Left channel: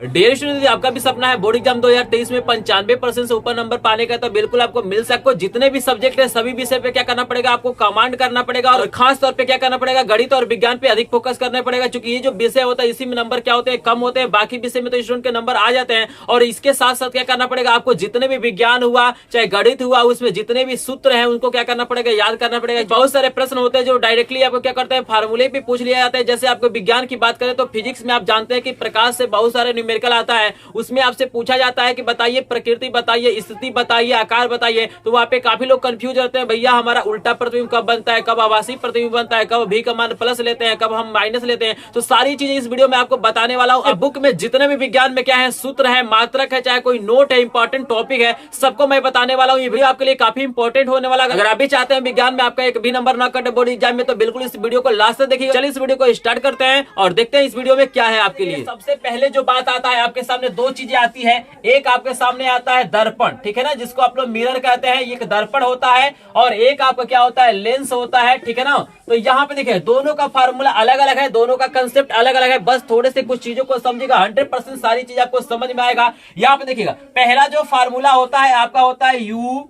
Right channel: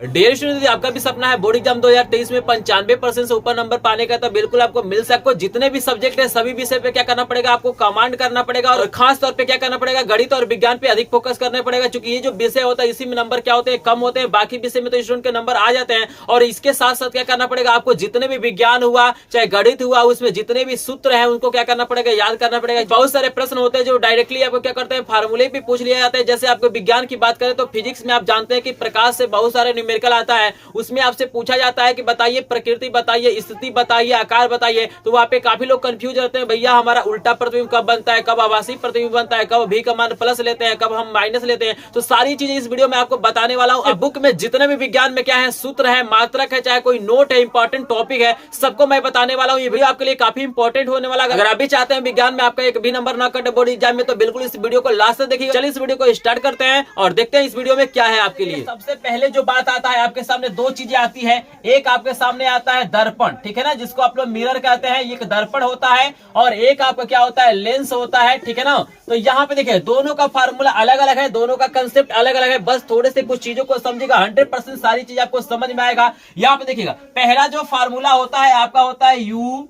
Dear student, यदि आपका भी सपना है बोर्ड एग्जाम 2023 में 95% से ऊपर नंबर पाने का, तो बिल्कुल आपको मिल सकता है। जितने भी सब्जेक्ट है सभी विषय पे क्या करना पड़ेगा, आपको कमांड करना पड़ेगा और खास तौर पे क्या करना पड़ेगा, गणित और विज्ञान पे अधिक फोकस करना पड़ेगा। क्योंकि ये जो विषय होता है इसी में नंबर क्या होते हैं, कम होते हैं। बाकी विषय में तो स्टूडेंट के नंबर आ जाते हैं। और इसके साथ साथ क्या करना पड़ेगा, आपको जितने भी विज्ञान हुआ चाहे गणित हुआ उसमें जितने भी सूत्र है उनको क्या करना पड़ेगा, याद करना पड़ेगा। बहुत सारे प्रश्न होते हैं जो डायरेक्टली आपको क्या करते हैं, फार्मूले पे पूछ लिया जाता है। जैसे आपको विज्ञान की बात करें तो फिजिक्स में आप जानते हैं कि प्रकाश से बहुत सारे न्यूमेरिकल आता है। उसमें आपसे पूछा जाता है कि बताइए प्रकृति बताइए, स्थिति बताइए, आकार बताइए। तो वहां पे काफी लोग कंफ्यूज रहते हैं, भैया हमारा उल्टा प्रतिबिंब कब बनता है, कब आभासी प्रतिबिंब बनता है, कब भी का मान प्लस लेते हैं, कब हम माइनस लेते हैं। तो सारी चीजें इस वीडियो में आपको बताने वाला हूं। बुक में जितने भी विज्ञान में क्या है, सूत्र है, मात्रक है, चाहे कोई नोट है, इंपॉर्टेंट टॉपिक है, सबको मैं बताने वाला हूं। ये वीडियो आपके लिए काफी इंपॉर्टेंट होने वाला है। अगर आप भी चाहते हैं विज्ञान में आपका एक भी नंबर ना कटे बोर्ड एग्जाम में, तो बिल्कुल इस वीडियो को लास्ट तक देखिए। चलिए इस वीडियो को स्टार्ट करते हैं और देखते हैं इस वीडियो में क्या है आपके लिए। सबसे पहले जो बात आता है, आपके सामने दो चीजें आती है। एक आपके सामने आता है दर्पण, ठीक है ना, जिसको आप लोग मिरर कहते हैं। ये एक दर्पण होता है और एक आपका क्या होता है, लेंस होता है, ठीक है ना। तो यहाँ पे देखिए दोनों का फार्मूला अलग अलग है, दोनों का कंसेप्ट अलग अलग है। बस थोड़े से कुछ चीजों को समझिएगा, 100% सारी चीज आपको समझ में आएगा। यहाँ पे देखिएगा पहला जो फार्मूला होता है आपका होता है यू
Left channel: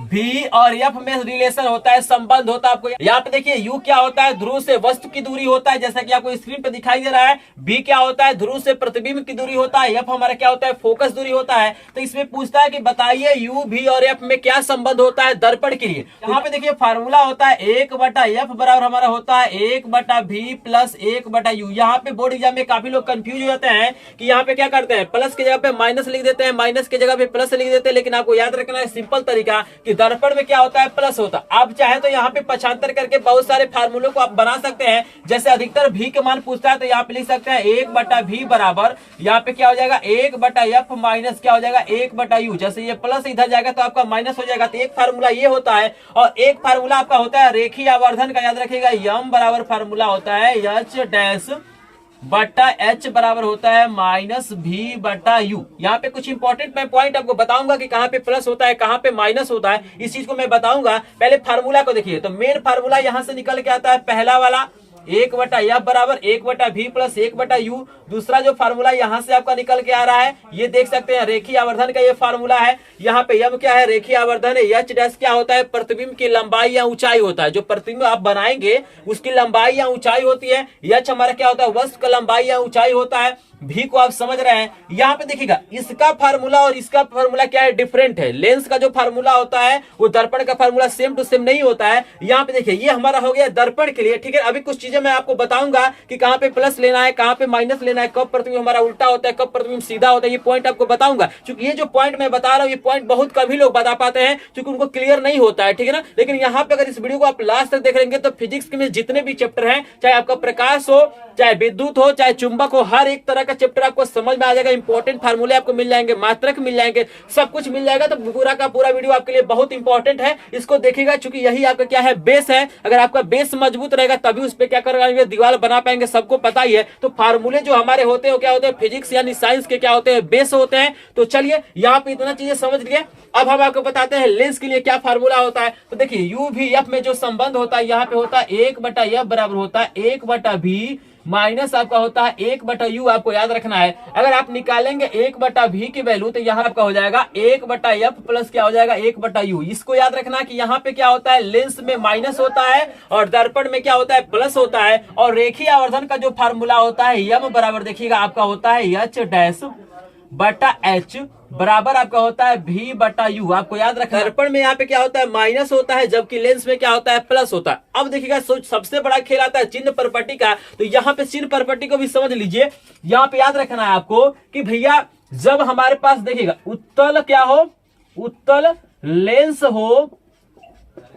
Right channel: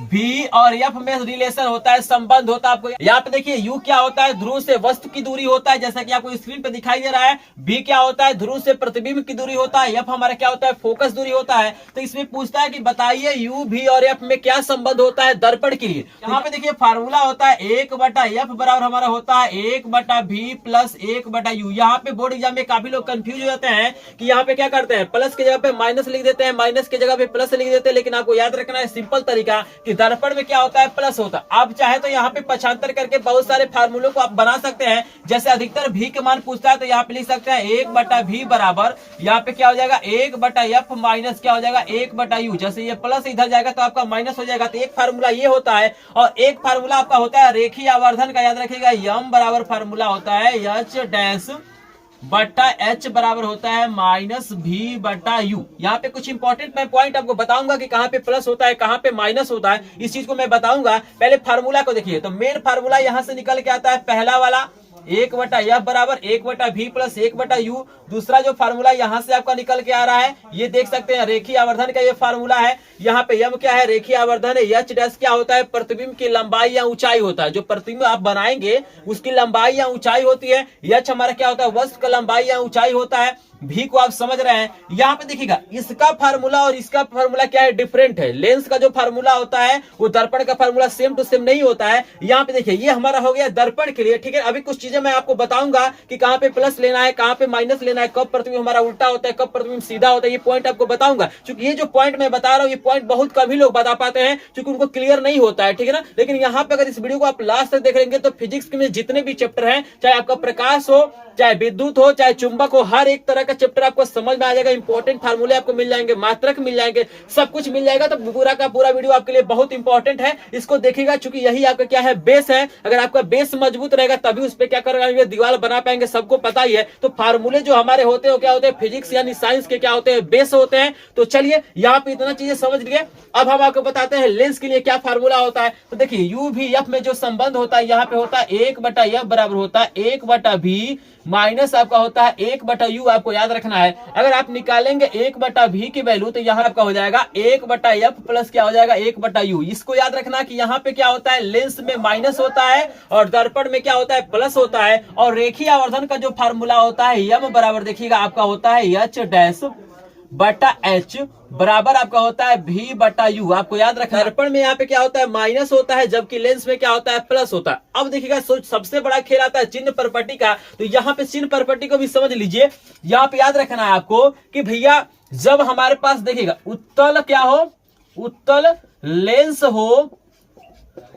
भी और एफ में रिलेशन होता है, संबंध होता है। आपको यहाँ पे देखिए यू क्या होता है, ध्रुव से वस्तु की दूरी होता है, जैसा कि आपको स्क्रीन पे दिखाई दे रहा है। बी क्या होता है, ध्रुव से प्रतिबिंब की दूरी होता है। एफ हमारा क्या होता है, फोकस दूरी होता है। तो इसमें पूछता है कि बताइए यू भी और एफ में क्या संबंध होता है दर्पण के लिए। यहाँ पे देखिए फार्मूला होता है 1/f बराबर हमारा होता है 1/v प्लस 1/u। यहाँ पे बोर्ड एग्जाम में काफी लोग कंफ्यूज हो जाते हैं कि यहाँ पे क्या करते हैं, प्लस की जगह पे माइनस लिख देते हैं, माइनस की जगह पे प्लस लिख देते हैं। लेकिन आपको याद रखना है सिंपल तरीका कि दर्पण में क्या होता है, प्लस होता है। आप चाहे तो यहाँ पे पक्षांतर करके बहुत सारे फार्मूलों को आप बना सकते हैं। जैसे अधिकतर भी के मान पूछता है तो यहाँ पे लिख सकते हैं 1/v बराबर यहाँ पे क्या हो जाएगा 1/f माइनस क्या हो जाएगा 1/u। जैसे ये प्लस इधर जाएगा तो आपका माइनस हो जाएगा। तो एक फार्मूला ये होता है और एक फार्मूला आपका होता है रेखीय आवर्धन का, याद रखिएगा। यम बराबर फार्मूला होता है एच डैश बटा एच बराबर होता है -v/u। यहाँ पे कुछ इंपॉर्टेंट मैं पॉइंट आपको बताऊंगा कि कहाँ पे प्लस होता है कहाँ पे माइनस होता है, इस चीज को मैं बताऊंगा। पहले फार्मूला को देखिए, तो मेन फार्मूला यहां से निकल के आता है पहला वाला 1/f बराबर 1/v प्लस 1/u। दूसरा जो फार्मूला यहाँ से आपका निकल के आ रहा है, ये देख सकते हैं रेखीय आवर्धन का ये फार्मूला है। यहाँ पे यम क्या है, रेखीय आवर्धन है। एच डैश क्या होता है, प्रतिबिंब की लंबाई या ऊंचाई होता है। जो प्रतिबिंब आप बनाएंगे उसकी लंबाई या ऊंचाई होती है। एच हमारा क्या होता है, वस्तु का लंबाई या ऊंचाई होता है। भी को आप समझ रहे हैं। यहाँ पे देखिएगा इसका फार्मूला और इसका फार्मूला क्या है, डिफरेंट है। लेंस का जो फार्मूला होता है वो दर्पण का फार्मूला सेम टू सेम नहीं होता है। यहाँ पे देखिए ये हमारा हो गया दर्पण के लिए, ठीक है। अभी कुछ चीजें मैं आपको बताऊंगा कि कहाँ पे प्लस लेना है, कहाँ पे माइनस लेना है, कब प्रतिबिंब हमारा उल्टा होता है, कब प्रतिबिंब सीधा होता है। ये पॉइंट आपको बताऊंगा। क्योंकि ये जो पॉइंट मैं बता रहा हूँ ये पॉइंट बहुत कभी लोग बता पाते हैं, क्योंकि उनको क्लियर नहीं होता है, ठीक है ना। लेकिन यहाँ पे अगर इस वीडियो को आप लास्ट तक देख लेंगे तो फिजिक्स में जितने भी चैप्टर हैं, चाहे आपका प्रकाश हो, चाहे विद्युत हो, चाहे चुंबक हो, हर एक तरह का चैप्टर आपको समझ में आ जाएगा। इंपॉर्टेंट फार्मूले आपको मिल जाएंगे, मात्रक मिल जाएंगे, सब कुछ मिल जाएगा। तो पूरा का पूरा वीडियो आपके लिए बहुत इंपॉर्टेंट है, इसको देखिएगा। क्योंकि यही आपका क्या है, बेस है। अगर आपका बेस मजबूत रहेगा तभी उस पर क्या करेंगे, दीवार बना पाएंगे, सबको पता ही है। तो फार्मूले जो हमारे होते हैं क्या होते हैं, फिजिक्स यानी साइंस के क्या होते हैं, बेस होते हैं। तो चलिए यहाँ पे इतना चीजें समझ लिए। अब हम आपको बताते हैं लेंस के लिए क्या फार्मूला होता है। तो देखिए यू भी एफ में जो संबंध होता है यहाँ पे होता है 1/f बराबर होता है 1/v माइनस आपका होता है 1/u। आपको याद रखना है, अगर आप निकालेंगे 1/v की वैल्यू तो यहाँ आपका हो जाएगा 1/f प्लस क्या हो जाएगा 1/u। इसको याद रखना कि यहाँ पे क्या होता है, लेंस में माइनस होता है और दर्पण में क्या होता है, प्लस होता है। और रेखीय आवर्धन का जो फार्मूला होता है यम बराबर देखिएगा आपका होता है एच डैश बटा एच बराबर आपका होता है v/u। आपको याद रखना, दर्पण में यहाँ पे क्या होता है, माइनस होता है, जबकि लेंस में क्या होता है, प्लस होता है। अब देखिएगा सबसे बड़ा खेल आता है चिन्ह प्रॉपर्टी का। तो यहाँ पे चिन्ह प्रॉपर्टी को भी समझ लीजिए। यहाँ पे याद रखना है आपको कि भैया जब हमारे पास देखिएगा उत्तल क्या हो, उत्तल लेंस हो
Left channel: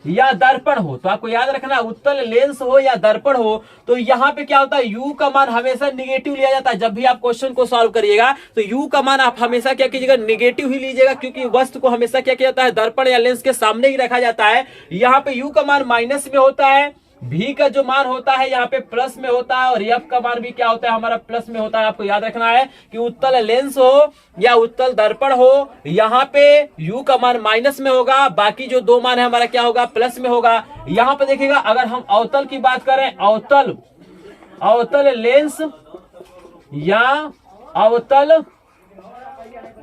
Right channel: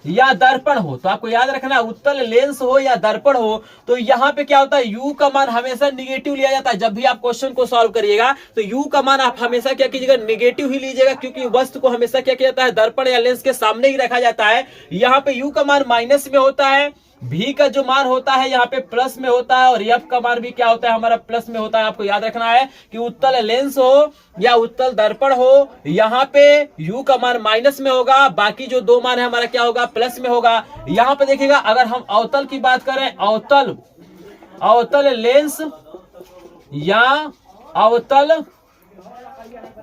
या दर्पण हो, तो आपको याद रखना उत्तल लेंस हो या दर्पण हो, तो यहाँ पे क्या होता है, u का मान हमेशा निगेटिव लिया जाता है। जब भी आप क्वेश्चन को सॉल्व करिएगा तो u का मान आप हमेशा क्या कीजिएगा, निगेटिव ही लीजिएगा। क्योंकि वस्तु को हमेशा क्या किया जाता है, दर्पण या लेंस के सामने ही रखा जाता है। यहाँ पे u का मान माइनस में होता है, भी का जो मान होता है यहाँ पे प्लस में होता है और एफ का मान भी क्या होता है, हमारा प्लस में होता है। आपको याद रखना है कि उत्तल लेंस हो या उत्तल दर्पण हो, यहाँ पे यू का मान माइनस में होगा, बाकी जो दो मान है हमारा क्या होगा, प्लस में होगा। यहाँ पे देखिएगा अगर हम अवतल की बात करें, अवतल लेंस या अवतल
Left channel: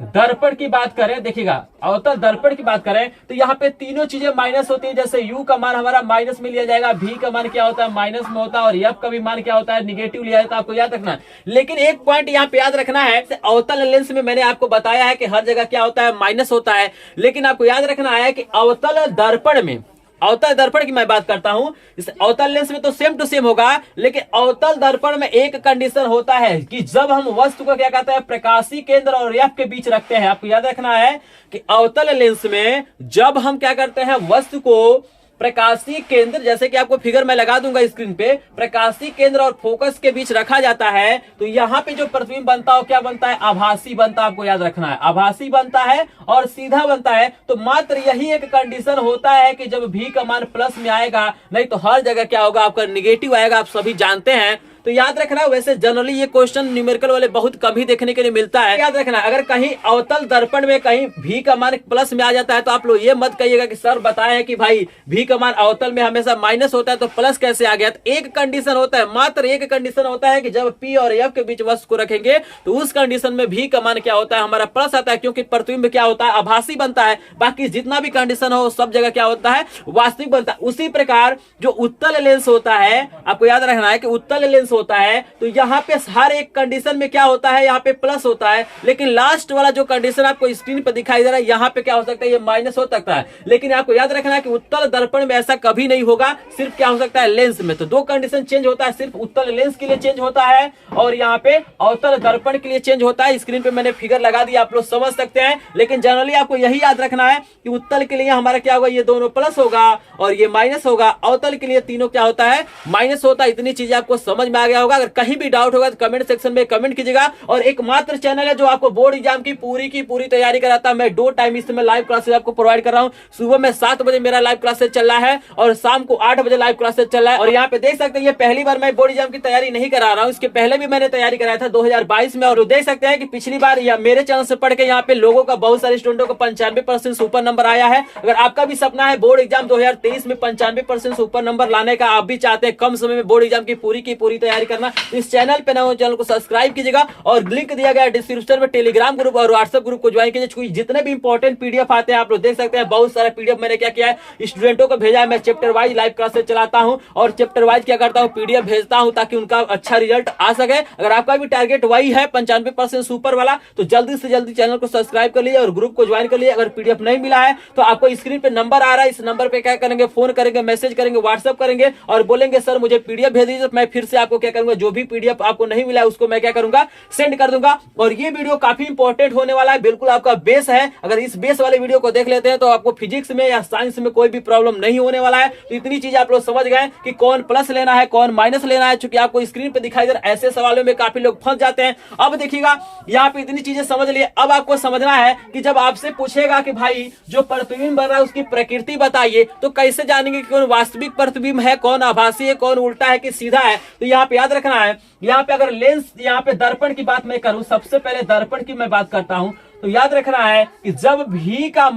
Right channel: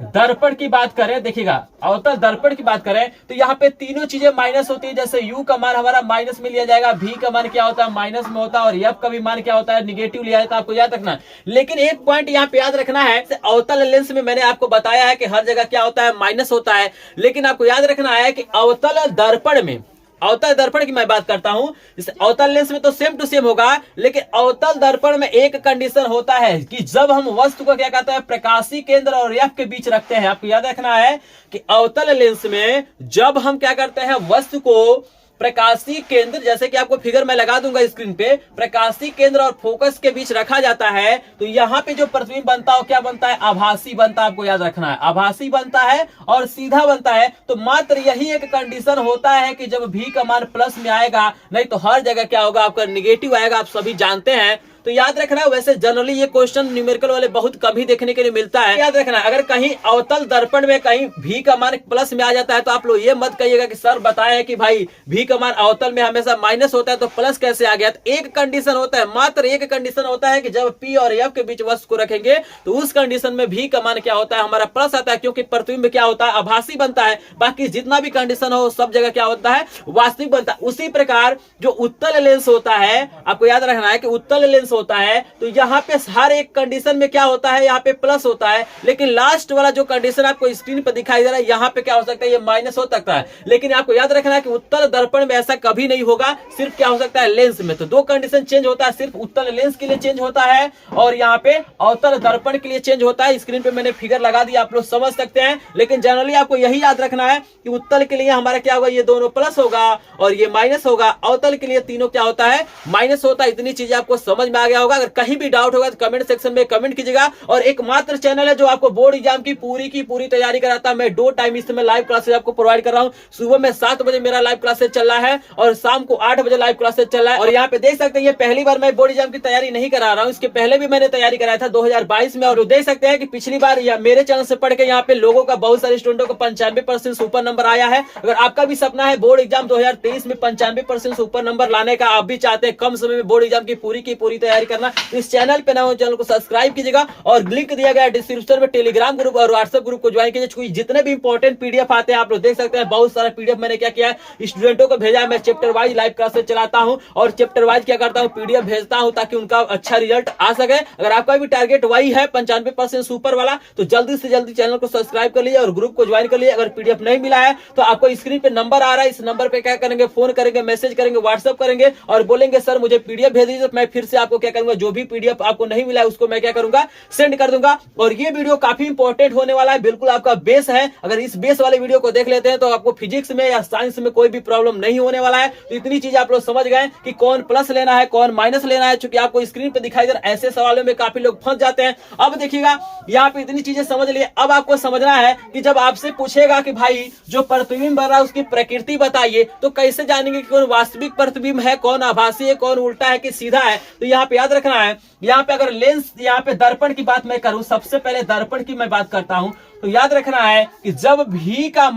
दर्पण की बात करें, देखिएगा अवतल दर्पण की बात करें तो यहाँ पे तीनों चीजें माइनस होती है। जैसे u का मान हमारा माइनस में लिया जाएगा, v का मान क्या होता है माइनस में होता है, और f का भी मान क्या होता है निगेटिव लिया जाता है, आपको याद रखना। लेकिन एक पॉइंट यहाँ पे याद रखना है, अवतल लेंस में मैंने आपको बताया है कि हर जगह क्या होता है माइनस होता है, लेकिन आपको याद रखना है कि अवतल दर्पण में, अवतल दर्पण की मैं बात करता हूं, इस अवतल लेंस में तो सेम टू सेम होगा, लेकिन अवतल दर्पण में एक कंडीशन होता है कि जब हम वस्तु को क्या कहते हैं प्रकाशीय केंद्र और एफ के बीच रखते हैं। आपको याद रखना है कि अवतल लेंस में जब हम क्या करते हैं वस्तु को प्रकाशीय केंद्र, जैसे कि आपको फिगर मैं लगा दूंगा स्क्रीन पे, प्रकाशीय केंद्र और फोकस के बीच रखा जाता है तो यहाँ पे जो प्रतिबिंब बनता है क्या बनता है आभासी बनता है। आपको याद रखना है आभासी बनता है और सीधा बनता है। तो मात्र यही एक कंडीशन होता है कि जब भी का मान प्लस में आएगा, नहीं तो हर जगह क्या होगा आपका निगेटिव आएगा, आप सभी जानते हैं। तो याद रखना है, वैसे जनरली ये क्वेश्चन न्यूमेरिकल वाले बहुत कम ही देखने के लिए मिलता है। याद रखना अगर कहीं अवतल दर्पण में कहीं v का मान प्लस में आ जाता है तो आप लोग ये मत कहिएगा कि सर बताए हैं कि भाई v का मान अवतल में हमेशा माइनस होता है तो प्लस कैसे आ गया। तो एक कंडीशन होता है, मात्र एक कंडीशन होता है कि जब p और f के बीच वस्तु को रखेंगे तो उस कंडीशन में v का मान क्या होता है हमारा प्लस आता है, क्योंकि प्रतिबिंब क्या होता है आभासी बनता है। बाकी जितना भी कंडीशन हो सब जगह क्या होता है वास्तविक बनता है। उसी प्रकार जो उत्तल लेंस होता है, आपको याद रखना है कि उत्तल लेंस होता है तो यहाँ पे हर एक कंडीशन में क्या होता है यहाँ पे प्लस होता है, लेकिन लास्ट वाला जो कंडीशन आपको स्क्रीन पर दिखाई दे रहा है यहाँ पे क्या हो सकता है ये माइनस हो सकता है। लेकिन आपको याद रखना है कि उत्तल दर्पण में ऐसा कभी नहीं होगा, सिर्फ क्या हो सकता है लेंस में। तो दो कंडीशन चेंज होता है, सिर्फ उत्तल लेंस के लिए चेंज होता है और यहाँ पे अवतल दर्पण के लिए चेंज होता है। स्क्रीन पे मैंने फिगर लगा दिया, आप लोग समझ सकते हैं। लेकिन जनरली आपको यही याद रखना है कि उत्तल के लिए हमारा क्या होगा ये दोनों प्लस होगा और ये माइनस होगा, अवतल के लिए तीनों क्या होता है माइनस होता है। इतनी चीजें आपको समझ में आ गया होगा। अगर कहीं भी डाउट होगा तो कमेंट सेक्शन में कमेंट कीजिएगा। और एकमात्र चैनल है जो आपको बोर्ड एग्जाम की पूरी तैयारी कराता है। मैं 2 टाइम इस समय लाइव क्लासेस आपको प्रोवाइड कर रहा हूं। सुबह में 7 बजे मेरा लाइव क्लासेस चल रहा है और शाम को 8 बजे लाइव क्लासेस चल रहा है। और यहाँ पे देख सकते हैं ये पहली बार मैं बोर्ड एग्जाम की तैयारी नहीं करा रहा हूँ, इसके पहले भी मैंने तैयारी कराया था 2022 में। और देख सकते हैं कि पिछली बार मेरे चैनल से पढ़ के यहाँ पे लोगों का बहुत सारे स्टूडेंटों को 95% सुपर नंबर आया है। अगर आपका भी सपना है बोर्ड एग्जाम 2023 में 95% सुपर नंबर लाने का, आप भी चाहते हैं कम समय में बोर्ड एग्जाम की पूरी तैयारी करना, इस चैनल पे ना चैनल को सब्सक्राइब कीजिएगा और लिंक दिया गया है डिस्क्रिप्शन में टेलीग्राम ग्रुप और व्हाट्सएप ग्रुप को ज्वाइन कीजिए। जितने भी इंपॉर्टेंट पीडीएफ आते हैं आप लोग देख सकते हैं, बहुत सारा पीडीएफ मैंने क्या किया है स्टूडेंटों को भेजा है। मैं चैप्टर वाइज लाइव क्लासेस चलाता हूं और चैप्टर वाइज क्या करता हूं पीडीएफ भेजता हूं ताकि उनका अच्छा रिजल्ट आ सके। अगर आपका भी टारगेट वही है 95% सुपर वाला तो जल्दी से जल्दी चैनल को सब्सक्राइब कर लीजिए और ग्रुप को ज्वाइन कर लीजिए। अगर पीडीएफ नहीं मिला है तो आपको स्क्रीन पे नंबर आ रहा है, इस नंबर पे क्या करेंगे फोन करेंगे, मैसेज करेंगे, व्हाट्सएप करेंगे और बोलेंगे सर मुझे पीडीएफ भेज दीजिए। मैं फिर से आपको क्या करूंगा जो भी पीडीएफ आपको नहीं मिला है उसको मैं क्या करूंगा सेंड कर दूंगा। और ये वीडियो काफी इंपॉर्टेंट होने वाला है, बिल्कुल आपका बेस है। अगर इस बेस वाले वीडियो को देख लेते हैं तो आपको फिजिक्स में या साइंस में कोई भी प्रॉब्लम नहीं होने वाला है। तो इतनी चीज आप लोग समझ गए कि कौन प्लस लेना है कौन माइनस लेना है, चूंकि आपको स्क्रीन पे दिखाई दे रहा है। ऐसे सवालों में काफी लोग फंस जाते हैं। अब देखिएगा यहाँ पे इतनी चीजें समझ लिए, अब आपको समझना है कि जब आपसे पूछेगा कि भाई जो प्रतिबिंब बन रहा है उसकी प्रकृति बताइए, तो कैसे जानेंगे कि कौन वास्तविक प्रतिबिंब है, कौन आभासी है, कौन उल्टा है कि सीधा है। तो यहाँ पे याद रखना है, यहाँ पे अगर लेंस यहाँ पे दर्पण की बात मैं करूं, सबसे पहले दर्पण की मैं बात करता हूं, तो याद रखना है कि जब भी का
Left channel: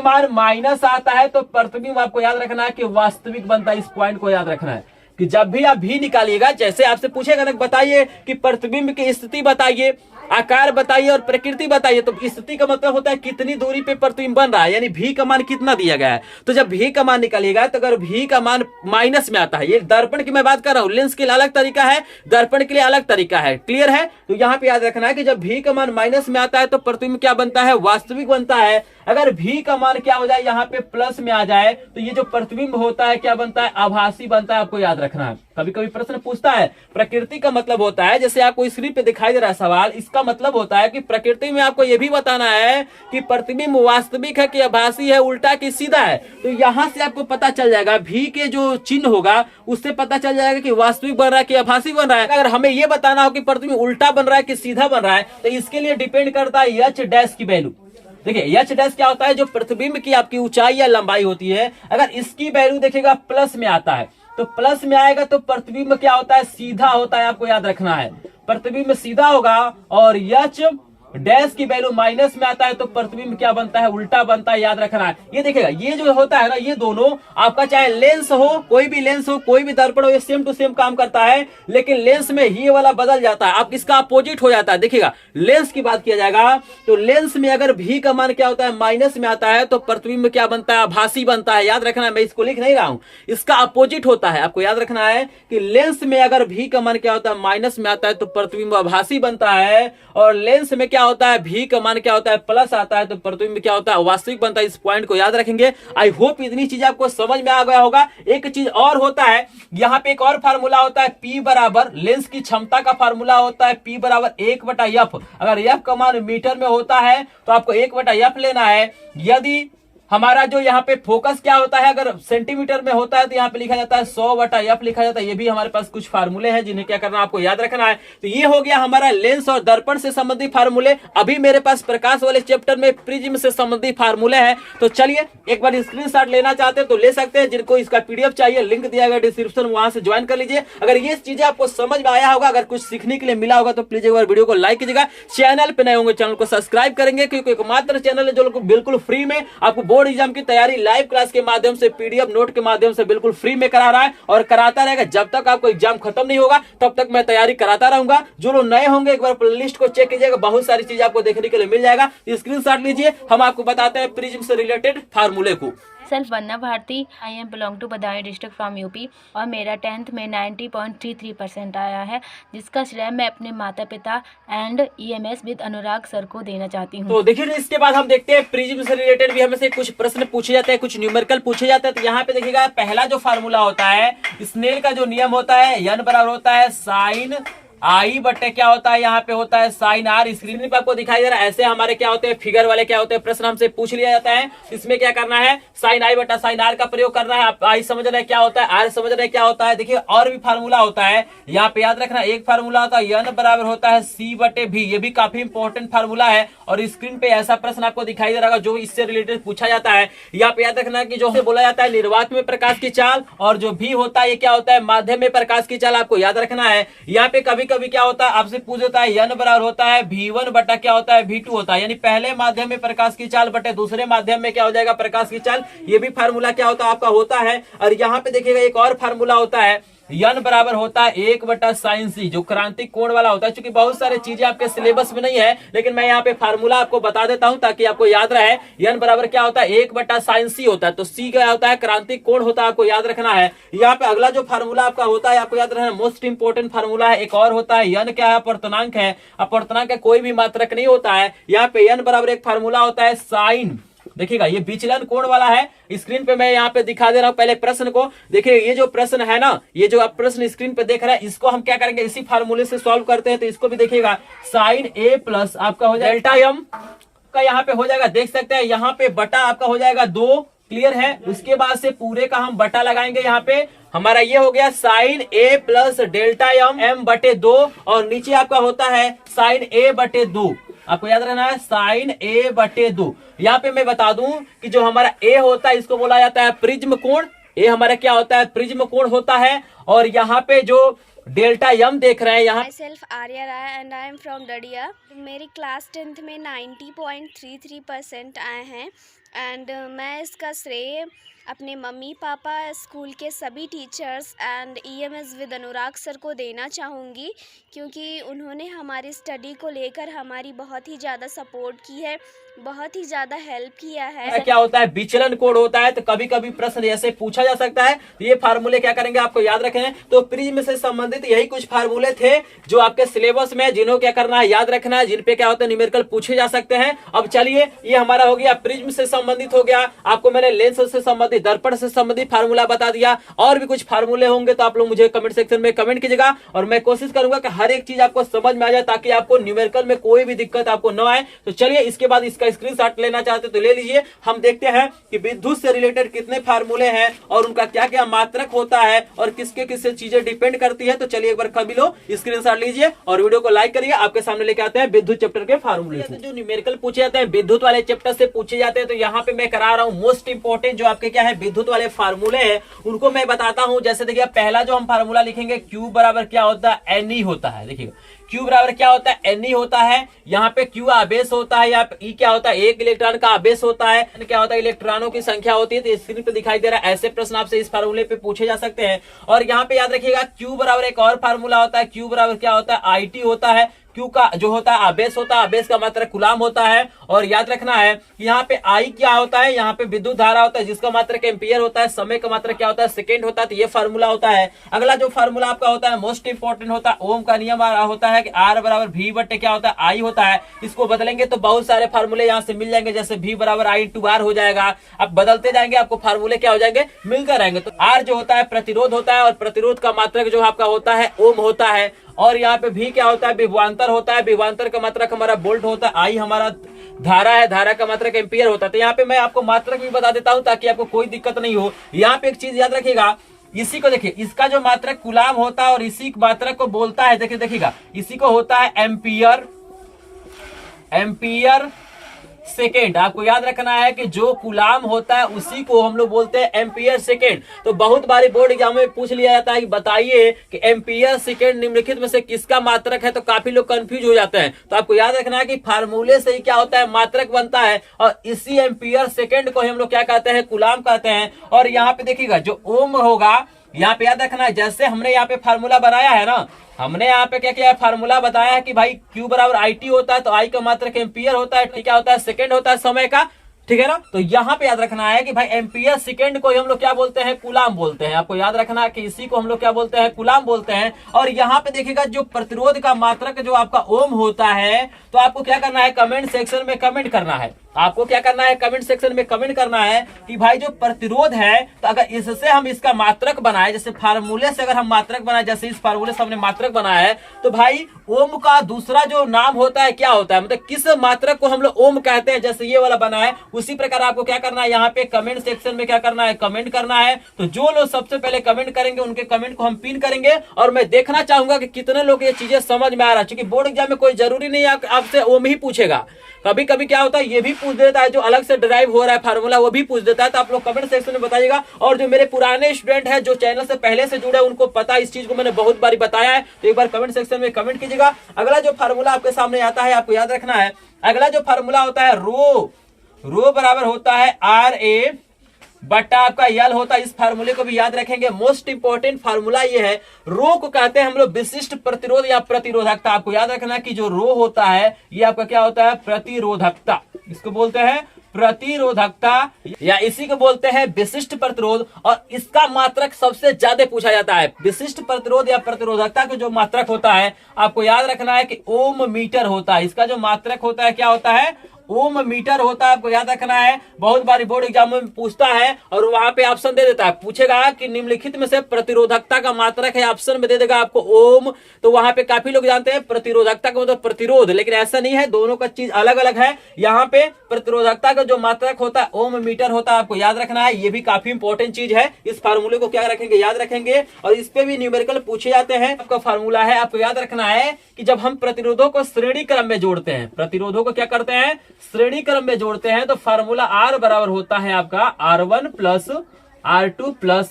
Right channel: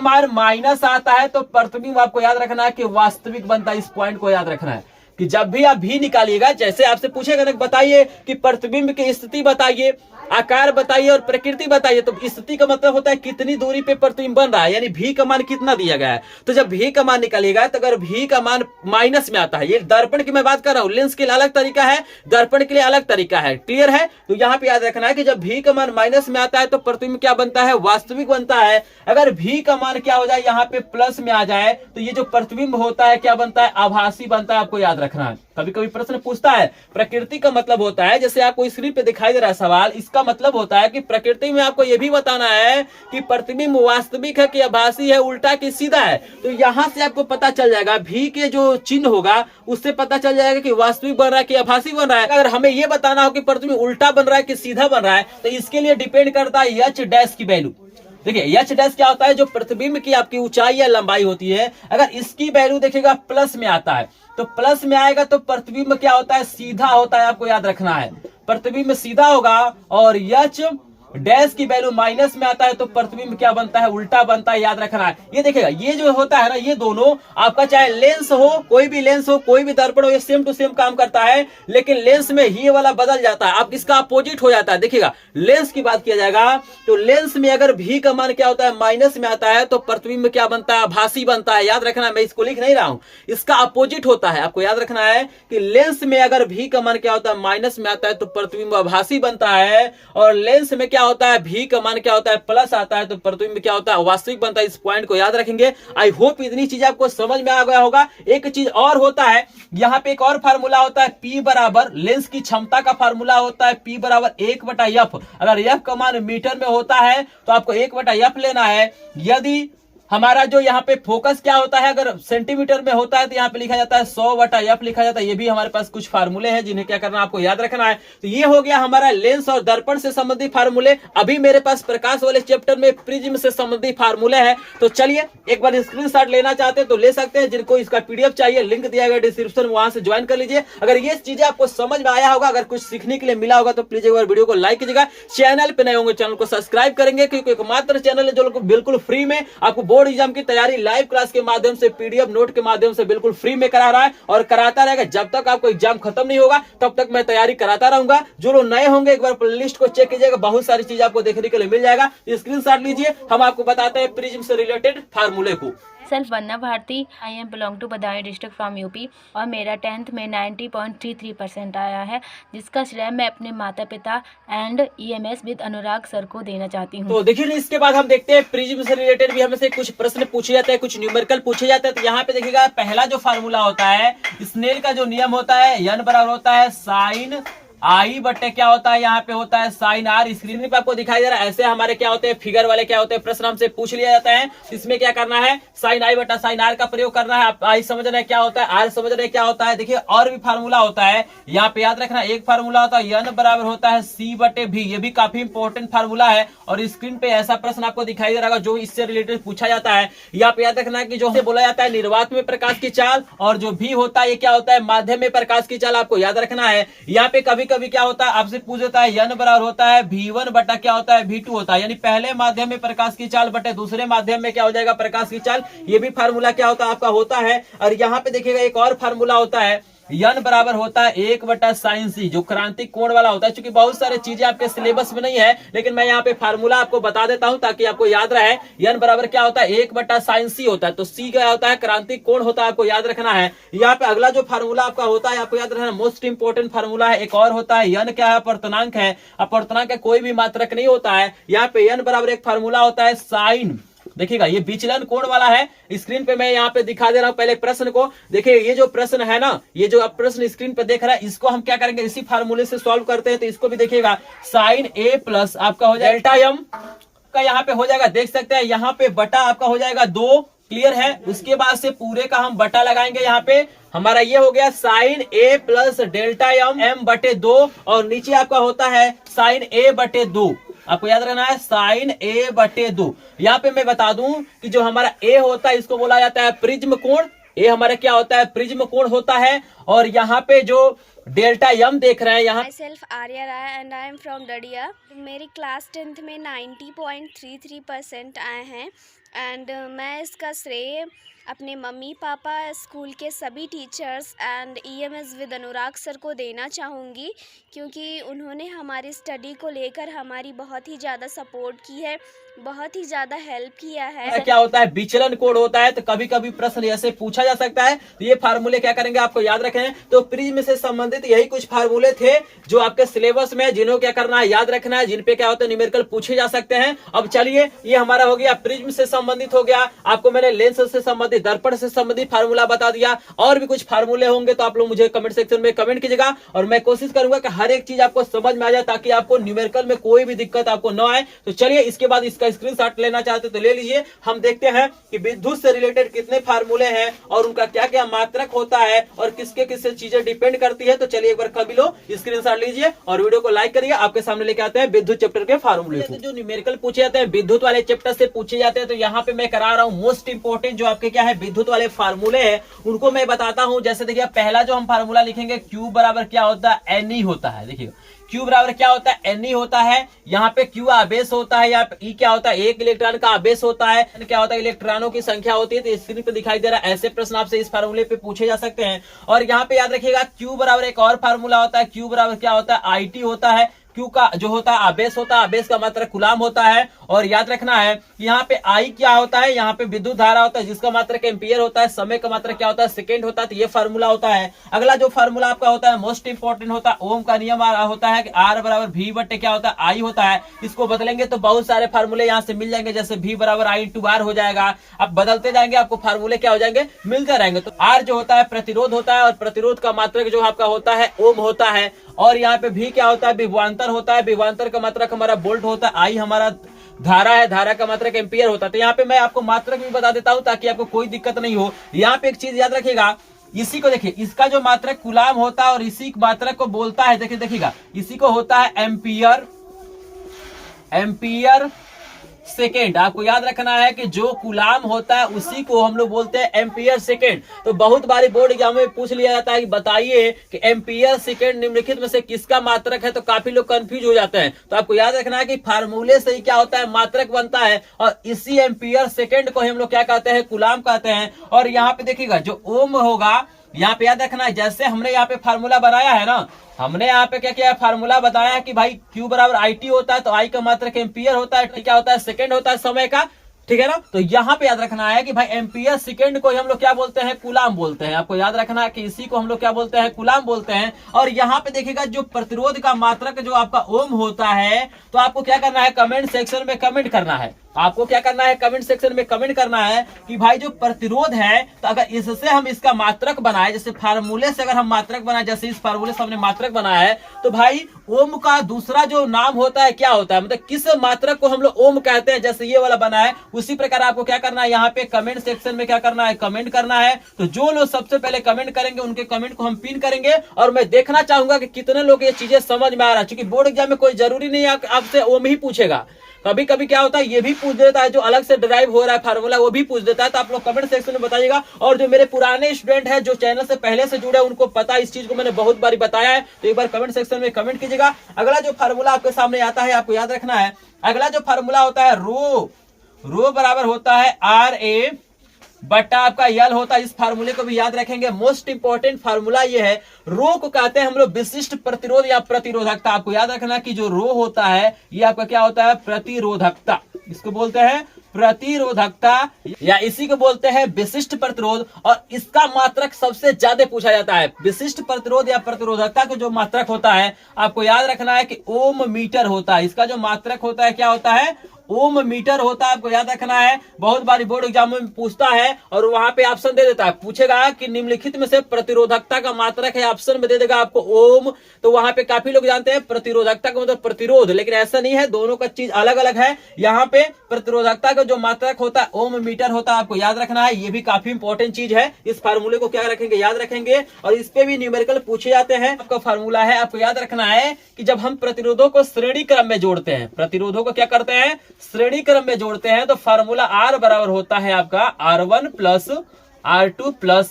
मान माइनस आता है तो प्रतिबिंब आपको याद रखना है कि वास्तविक बनता है। इस पॉइंट को याद रखना है कि जब भी आप भी निकालिएगा, जैसे आपसे पूछेगा ना बताइए कि प्रतिबिंब की स्थिति बताइए, आकार बताइए और प्रकृति बताइए, तो स्थिति का मतलब होता है कितनी दूरी पे प्रतिबिंब बन रहा है, यानी भी का मान कितना दिया गया है। तो जब भी का मान निकालिएगा तो अगर भी का मान माइनस में आता है, ये दर्पण की मैं बात कर रहा हूं, लेंस के लिए अलग तरीका है, दर्पण के लिए अलग तरीका है, क्लियर है। तो यहाँ पे याद रखना है कि जब भी का मान माइनस में आता है तो प्रतिबिंब क्या बनता है वास्तविक बनता है। अगर भी का मान क्या हो जाए यहाँ पे प्लस में आ जाए तो ये जो प्रतिबिंब होता है क्या बनता है आभासी बनता है। आपको याद रखना है, कभी कभी प्रश्न पूछता है प्रकृति का मतलब होता है, जैसे आपको स्क्रीन पे दिखाई दे रहा है सवाल, इसका मतलब होता है कि प्रकृति में आपको यह भी बताना है कि प्रतिबिंब वास्तविक है कि आभासी है, उल्टा कि सीधा है। तो यहां से आपको पता चल जाएगा भी के जो चिन्ह होगा उससे पता चल जाएगा कि वास्तविक बन रहा है कि आभासी बन रहा है। अगर हमें यह बताना हो कि प्रतिबिंब उल्टा बन रहा है कि सीधा बन रहा है तो इसके लिए डिपेंड करता है एच डैश की वैल्यू। देखिए एच डैश क्या होता है, जो प्रतिबिंब की आपकी ऊंचाई या लंबाई होती है, अगर इसकी वैल्यू देखिएगा प्लस में आता है तो प्लस में आएगा तो प्रतिबिंब क्या होता है सीधा होता है। आपको याद रखना है प्रतिबिंब सीधा होगा और एच डैश की वैल्यू माइनस में आता है तो प्रतिबिंब क्या बनता है, उल्टा बनता है, याद रखना है। ये देखिएगा ये जो होता है ना, ये दोनों आपका चाहे लेंस हो, कोई भी लेंस हो, कोई भी दर्पण हो, ये सेम टू सेम काम करता है, लेकिन लेंस में ये वाला बदल जाता है, आप इसका अपोजिट हो जाता है। देखिएगा लेंस की बात किया जाएगा तो लेंस में अगर भी का मान क्या होता है, माइनस में आता है तो प्रतिबिंब क्या बनता है, आभासी बनता है। याद रखना है, मैं इसको लिख नहीं रहा हूं, इसका अपोजिट होता है। आपको याद रखना है कि लेंस में अगर भी का मान क्या होता है, माइनस में आता है तो प्रतिबिंब आभासी बनता है, और लेंस में क्या होता है, भी का मान क्या होता है, प्लस आता है तो प्रतिबिंब क्या होता है, वास्तविक बनता है। इस पॉइंट को याद रखेंगे। आई होप इतनी चीज आपको समझ में आ गया होगा। एक चीज और होता है, यहाँ पे एक और फार्मूला होता है, P बराबर लेंस की क्षमता का फार्मूला होता है P बराबर 1/f। अगर f का मान मीटर में होता है तो आपको 1/f लेना है। यदि हमारा जो यहाँ पे फोकस क्या होता है, अगर सेंटीमीटर में होता है तो यहाँ पे लिखा जाता है 100/f लिखा जाता है। ये भी हमारे पास कुछ फार्मूले हैं जिन्हें क्या करना आपको याद रखना है। तो ये हो गया हमारा लेंस और दर्पण से संबंधित फार्मूले। अभी मेरे पास प्रकाश वाले चैप्टर में प्रिज्म से संबंधित फार्मूले हैं। तो चलिए एक बार स्क्रीनशॉट लेना चाहते हैं तो ले सकते हैं, जिनको इसका PDF चाहिए लिंक दिया गया डिस्क्रिप्शन, वहां से ज्वाइन कर लीजिए। अगर ये चीजें आपको समझ में आया होगा, अगर कुछ सीखने के लिए मिला होगा तो प्लीज एक बार वीडियो को लाइक कीजिएगा। चैनल पे नए होंगे चैनल को सब्सक्राइब करेंगे, क्योंकि एकमात्र चैनल है जो बिल्कुल फ्री में आपको बोर्ड एग्जाम की तैयारी लाइव क्लास के माध्यम से, PDF नोट के माध्यम से बिल्कुल फ्री में करा रहा है और कराता रहेगा। जब तक आपको एग्जाम खत्म नहीं होगा तब तक मैं तैयारी कराता रहूंगा। जो लोग नए होंगे एक बार प्लेलिस्ट को चेक कीजिएगा, बहुत सारी चीज आपको देखने के लिए मिल जाएगा। स्क्रीनशॉट लीजिए, हम आपको बताते हैं प्रिज्म से रिलेटेड फार्मूले को। Self Vandana Bharti, I am belong to Badaun district from UP, और मेरा 10th में 90.33% आया है, जिसका श्रेय मैं अपने माता पिता and EMS with Anurag sir को देना चाहती हूँ। तो देखिए ना, इसके बाद हम देखते हैं प्रिज्म से रिलेटेड भी हमें से कुछ प्रश्न पूछे जाते हैं, कुछ न्यूमेरिकल पूछे जाते हैं। तो यहाँ पे देखिएगा पहला जो फार्मूला होता है, स्नेल का जो नियम होता है, n बराबर होता है साइन आई बटे क्या होता है, यहाँ पे होता है साइन आर। स्क्रीन पे आपको दिखाई दे रहा है। ऐसे हमारे क्या होते हैं, फिगर वाले क्या होते हैं, प्रश्न हमसे पूछ लिया जाता है। इसमें क्या करना है, साइन आई बटा साइन आर का प्रयोग करना है। आप आई समझ रहे हैं क्या होता है, आर समझ रहे हैं क्या होता है। देखिए और भी फार्मूला होता है, यहाँ पे याद रखना। एक फार्मूला होता है n बराबर होता है C बटे V, ये भी काफी इंपॉर्टेंट फार्मूला है। और स्क्रीन पे ऐसा प्रश्न आपको दिखाई दे रहा है जो इससे रिलेटेड पूछा जाता है। यहाँ पे याद रखना है कि जो बोला जाता है निर्वात में प्रकाश की चाल, और जो V होता है ये क्या होता है, माध्यम में प्रकाश की चाल। आपको याद रखना है। यहाँ पे कभी कभी क्या होता है, आपसे पूछ होता है n बराबर होता है V1 बटा क्या होता है, V2 होता है। यानी पहले माध्यम में प्रकाश की चाल बटे दूसरे माध्यम में क्या हो जाएगा, प्रकाश की चाल। ये भी फार्मूला क्या होता है आपका होता है। और यहाँ पे देखिएगा एक और फार्मूला होता है, n बराबर होता है 1/sin c, जो क्रांतिक कोण वाला होता है। क्योंकि बहुत सारी चीजें आपके सिलेबस में नहीं है, लेकिन मैं यहाँ पे फार्मूला आपको बता देता हूं ताकि आपको याद रहे। n बराबर क्या होता है, 1/sin c होता है। तो c क्या होता है, क्रांतिक कोण होता है, आपको याद रखना है। यहाँ पे अगला जो फार्मूला आपका होता है, आपको याद रखना, मोस्ट इंपोर्टेंट फार्मूला है। एक और होता है, n क्या है, अपर्तनांक है। अपर्तनांक का कोई भी मात्रक नहीं होता है। यहाँ पे n बराबर एक फार्मूला होता है साइन, देखिएगा ये विचलन कोण वाला है। स्क्रीन पे मैं यहाँ पे दिखा दे रहा हूँ। पहले प्रश्न को देखिए, ये जो प्रश्न है ना, ये जो आप प्रश्न स्क्रीन पे देख रहा है, इसको हम क्या करेंगे, इसी फार्मूले से सॉल्व करते हैं। तो इसको भी देखिएगा, साइन A प्लस आपका हो जाएगा डेल्टा m का यहाँ पे हो जाएगा, देख सकते हैं यहाँ पे बटा आपका हो जाएगा 2, क्लियर है। उसके बाद से पूरे का हम बटा लगाएंगे। यहाँ पे हमारा ये हो गया sine A plus delta m बटे 2, और नीचे आपका होता है साइन A बटे 2। आपको याद रखना है साइन A बटे 2। यहाँ पे मैं बता दूं कि जो हमारा A होता है इसको बोला जाता है प्रिज्म कोण। A हमारा क्या होता है, प्रिज्म कोण होता है। और यहाँ पे जो डेल्टा m देख रहे हैं यहाँ, myself Arya Rai and I am from डडिया। मेरी क्लास 10th में 90.33% आए हैं। एंड मैं इसका श्रेय अपने मम्मी पापा, स्कूल के सभी teachers and EMS with Anurag sir को देना चाहूँगी, क्योंकि उन्होंने हमारी स्टडी को लेकर हमारी बहुत ही ज़्यादा सपोर्ट की है, बहुत ही ज़्यादा हेल्प किया है। क्या होता है, विचलन कोण होता है। तो कभी कभी प्रश्न ऐसे पूछा जा सकता है। तो ये फार्मूले क्या करेंगे, आपको याद रखें। तो प्रिज्म से संबंधित यही कुछ फार्मूले थे जो आपके सिलेबस में, जिन्हों क्या करना है, याद रखना है, जिन पे क्या होता है न्यूमेरिकल पूछे जा सकते हैं। अब चलिए, ये हमारा हो गया प्रिज्म से संबंधित हो गया। आपको मैंने लेंस से संबंधित, दर्पण से संबंधित फार्मूला बता दिया। और भी कुछ फार्मूले होंगे तो आप लोग मुझे कमेंट सेक्शन में कमेंट कीजिएगा, और मैं कोशिश करूंगा कि हर एक चीज आपको समझ में आ जाए, ताकि आपको न्यूमेरिकल में कोई भी दिक्कत आपको न आए। तो चलिए, इसके बाद इसका स्क्रीनशॉट लेना चाहते तो ले लीजिए। हम देखते हैं कि विद्युत से रिलेटेड कितने फार्मूले हैं और उनका क्या क्या मात्रक होता है और किसके किससे चीजें डिपेंड करती है। तो चलिए एक बार कभी लो स्क्रीनशॉट लीजिए और वीडियो को लाइक करिए। आपके सामने लेके आते हैं विद्युत चैप्टर के फार्मूले। जो न्यूमेरिकल पूछे जाते हैं विद्युत वाले चैप्टर से पूछे जाते हैं, तो यहाँ पे मैं करा रहा हूँ मोस्ट इंपोर्टेंट जो आपके क्या है विद्युत वाले फार्मूले हैं उनको मैं बताता हूं। जैसे देखिए पहला जो हम फार्मूला लिखेंगे Q बराबर क्या होता है, Ne होता है। देखिए Q बराबर क्या होता है, Ne होता है। यहाँ पे Q आवेश होता है, यहाँ पे E क्या होता है, एक इलेक्ट्रॉन का आवेश होता है। क्या होता है, इलेक्ट्रॉनों की संख्या होती है। तो स्क्रीन पे दिखाई दे रहा है, ऐसे प्रश्न आपसे इस फार्मूले पे पूछे जा सकते हैं। और यहाँ पे याद रखिएगा Q बराबर एक और फार्मूला होता है, Q बराबर क्या होता है, IT होता है। Q का जो होता है आवेश होता है, आवेश का मात्रक कूलाम होता है। और याद रखना है कि यहाँ पे I क्या होता है, यहाँ पे विद्युत धारा होता है जिसका मात्रक एम्पियर होता है, समय का मात्रक क्या होता है, सेकेंड होता है। तो ये फार्मूला होता है। अगला जो फार्मूला आपका होता है मोस्ट इंपोर्टेंट होता है, ओम का नियम होता है कि R बराबर V बटे क्या होता है, I होता है। इसको बदलेंगे तो बहुत सारे फार्मूले यहाँ से मिल जाएंगे, जैसे V बराबर I इंटू R हो जाएगा। अब बदलते जाएंगे आपको फार्मूले क्या हो जाएंगे, मिलते रहेंगे। तो R जो होता है प्रतिरोध होता है, और प्रतिरोध का मात्रक जो आपका होता है ओम होता है। और यहाँ पे भी क्या होता है, विभवांतर होता है। विभवांतर का मात्रक हमारा वोल्ट होता है। आई हमारा धारा है, धारा का मात्रक एम्पियर होता है। तो यहाँ पे मैं आपको मात्रक भी बता देता हूं ताकि आपको कोई दिक्कत नहीं हो। यहाँ पे एक चीज याद रखिएगा, इसी को देखिए, इसका जो मात्रक कूलाम होता है और इसी मात्रक को बोलता है, देखिए देखिएगा, इसी को होता है एम्पियर सेकेंड। आपको याद रखना है कि जो कूलाम होता है उसी को हम लोग बोलते हैं एम्पियर सेकेंड। तो बहुत बारी बोर्ड एग्जाम में पूछ लिया जाता है कि बताइए कि एम्पियर सेकेंड निम्नलिखित में से किसका मात्रक है, तो काफी लोग कंफ्यूज हो जाते हैं। तो आपको याद रखना है कि फार्मूले से ही क्या होता है, मात्रक बनता है। और इसी एम्पियर सेकेंड को हम लोग क्या कहते हैं, कूलाम कहते हैं। और यहाँ पे देखिएगा जो ओम होगा, यहाँ पे याद रखना है, जैसे हमने यहाँ पे फार्मूला बनाया है ना, हमने यहाँ पे क्या किया है, फार्मूला बताया है कि भाई Q बराबर IT होता है, तो I का मात्रक एम्पियर होता है, क्या होता है, सेकंड होता है समय का, ठीक है ना। तो यहाँ पे याद रखना है कि भाई एम्पियर सेकेंड को हम लोग क्या बोलते हैं, कूलाम बोलते हैं। आपको याद रखना है कि इसी को हम लोग क्या बोलते हैं, कूलाम बोलते हैं। और यहाँ पे देखिएगा जो प्रतिरोध का मात्रक जो आपका ओम होता है, तो आपको क्या करना है, कमेंट सेक्शन में कमेंट करना है। आपको क्या करना है, कमेंट सेक्शन में कमेंट करना है कि भाई जो प्रतिरोध है, तो अगर इससे हम इसका मात्रक बनाए, जैसे फार्मूले से अगर हम मात्रक बनाए, जैसे इस फार्मूले से हमने मात्रक बनाया है, तो भाई ओम का दूसरा जो नाम होता है क्या होता है, मतलब किस मात्रक को हम लोग ओम कहते हैं, जैसे ये वाला बना है। उसी प्रकार आपको क्या करना है, यहाँ पे कमेंट सेक्शन में क्या करना है, कमेंट करना है। तो जो लोग सबसे पहले कमेंट करेंगे उनके कमेंट को हम पिन करेंगे। और मैं देखना चाहूंगा कि कितने लोग ये चीजें समझ में आ रहा है, क्योंकि बोर्ड एग्जाम में कोई जरूरी नहीं है आपसे ओम ही पूछेगा। कभी कभी क्या होता है, ये भी पूछ देता है, जो अलग से ड्राइव हो रहा है फार्मूला वो भी पूछ देता है। तो आप लोग कमेंट सेक्शन में बताइएगा। और जो मेरे पुराने स्टूडेंट हैं जो चैनल से पहले से जुड़े, उनको पता इस चीज को मैंने बहुत बारी बताया है। तो एक बार कमेंट सेक्शन में कमेंट कीजिएगा। अगला जो फार्मूला आपके सामने आता है, आपको याद रखना है, अगला जो फार्मूला होता है रो बराबर होता है RA बटा आपका यल होता है। इस फार्मूले को भी याद रखेंगे। मोस्ट इंपोर्टेंट फार्मूला ये है, रो को कहते हैं हम लोग विशिष्ट प्रतिरोध या प्रतिरोधकता। आपको याद रखना कि जो रो होता है ये आपका क्या होता है, प्रतिरोधकता। इसको बोलते हैं प्रतिरोधकता, या इसी को बोलते हैं विशिष्ट प्रतिरोध। और इसका मात्रक सबसे ज्यादा पूछा जाता है। विशिष्ट प्रतिरोध या प्रतिरोधकता का जो मात्रक होता है, आपको याद रखना है कि ओम मीटर होता है। इसका जो मात्रक होता है क्या होता है, ओम मीटर होता है। आपको याद रखना है, बहुत बार बोर्ड एग्जाम में पूछता है और वहां पे ऑप्शन दे देता है, पूछेगा कि निम्नलिखित में से प्रतिरोधकता का मात्रक है, ऑप्शन में दे देगा आपको ओम। तो वहां पे काफी लोग जानते हैं प्रतिरोधकता का मतलब प्रतिरोध, लेकिन ऐसा नहीं है, दोनों का चीज अलग अलग है। यहाँ पे प्रतिरोधकता का जो मात्रक होता है ओम मीटर होता है। आपको याद रखना है, ये भी काफी इंपॉर्टेंट चीज है। इस फार्मूले को क्या रखेंगे, याद रखेंगे। और इस पे भी न्यूमेरिकल पूछे जाते हैं। आपका फार्मूला है, आपको याद रखना है कि जब हम प्रतिरोधों को श्रेणी क्रम में जोड़ते हैं, प्रतिरोधों को क्या करते हैं, श्रेणी क्रम में जोड़ते हैं, तो फार्मूला R बराबर होता है आपका R1 प्लस R2 प्लस